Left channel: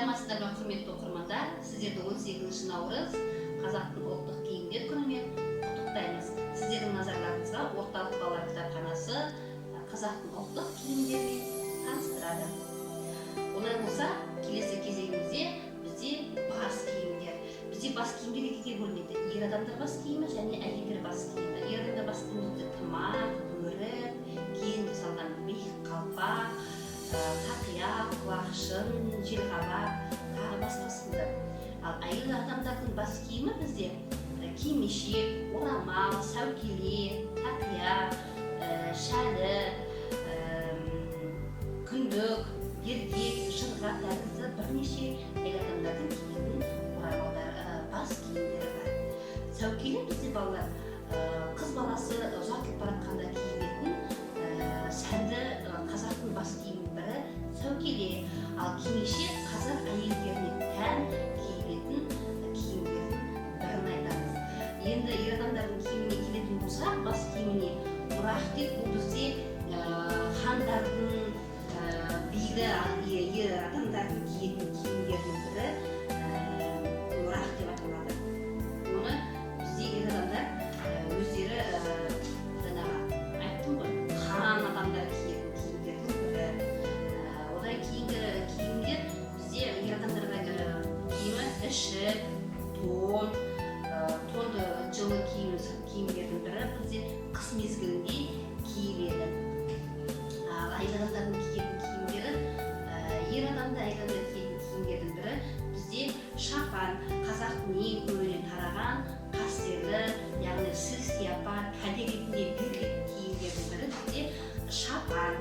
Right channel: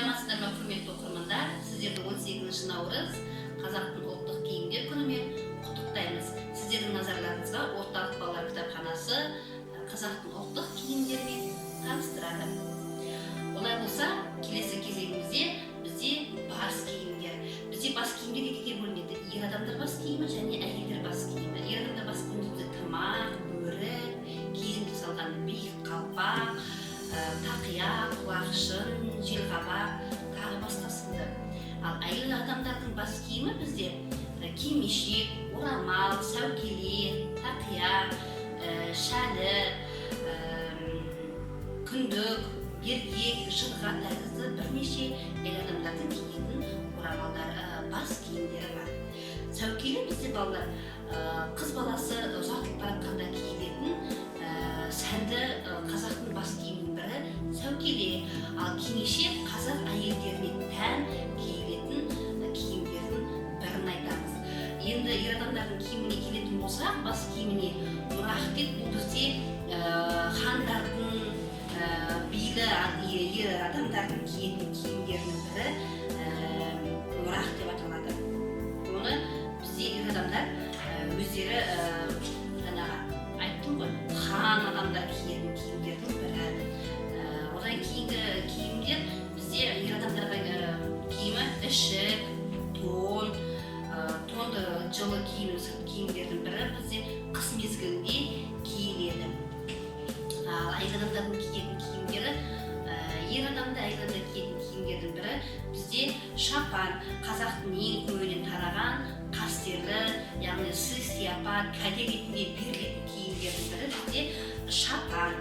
Саламатсыздар ма, құрметті оқырмандар? Сіздерді 18 наурыз қазақтың ұлттық киімдер күнімен құттықтаймыз. Сіздердің назарларыңызға орталық балалар кітапханасы қазақтың ұлттық киімдерімен таныстырады. Олай болса, келесі кезеңімізде бізде бас киімдер. Бізде бас киімдер екіге бөлінеді. Ер адамдар бас киімі және әйелдер бас киімі. Ер адамдар бас киімі тымақ, бөрік, киізден жасалған биік қалпақ, тақия, құлақшын, желқабақ, тағы басқасында. Ал әйел адамдардың бас киімі бізде кимешек, орамал, сәукеле, тақия, шәлі, күндік, еркек, жырға тәрізді бірнеше әйел адамдардың киетін орамалдар, бас киімдері бар. Сәукеле бізде балалар қыз баласы ұзатылып баратқанда киілетін сәнді қазақтың бас киімінің бірі сәукеле. Ал кимешек қазақ әйелдеріне тән киілетін киімдердің бірін айтамыз. Енді ер адамдардың киіміне келетін болсақ, бас киіміне мұрақ деп, бұл бізде хандардың, билі ер адамдардың киетін киімдердің бірі мұрақ деп аталады. Оны бізде ер адамдар өздері айттым ғой, хан адамдар киетін киімдердің бірі. Одан кейінгі киімдер бізде ер адамдарға киімі ішік, тон, тонды жылы киімдердің бірі бізде қыс мезгілінде киіледі. Әйел адамдардың киетін киімдері, ер адамда әйел адамдар киетін киімдердің бірі бізде шапан, қазақтың ең көбіне тараған қастерлі, яғни сый-сияпат, кәде ретінде берілетін киімдердің бірі бізде шапан.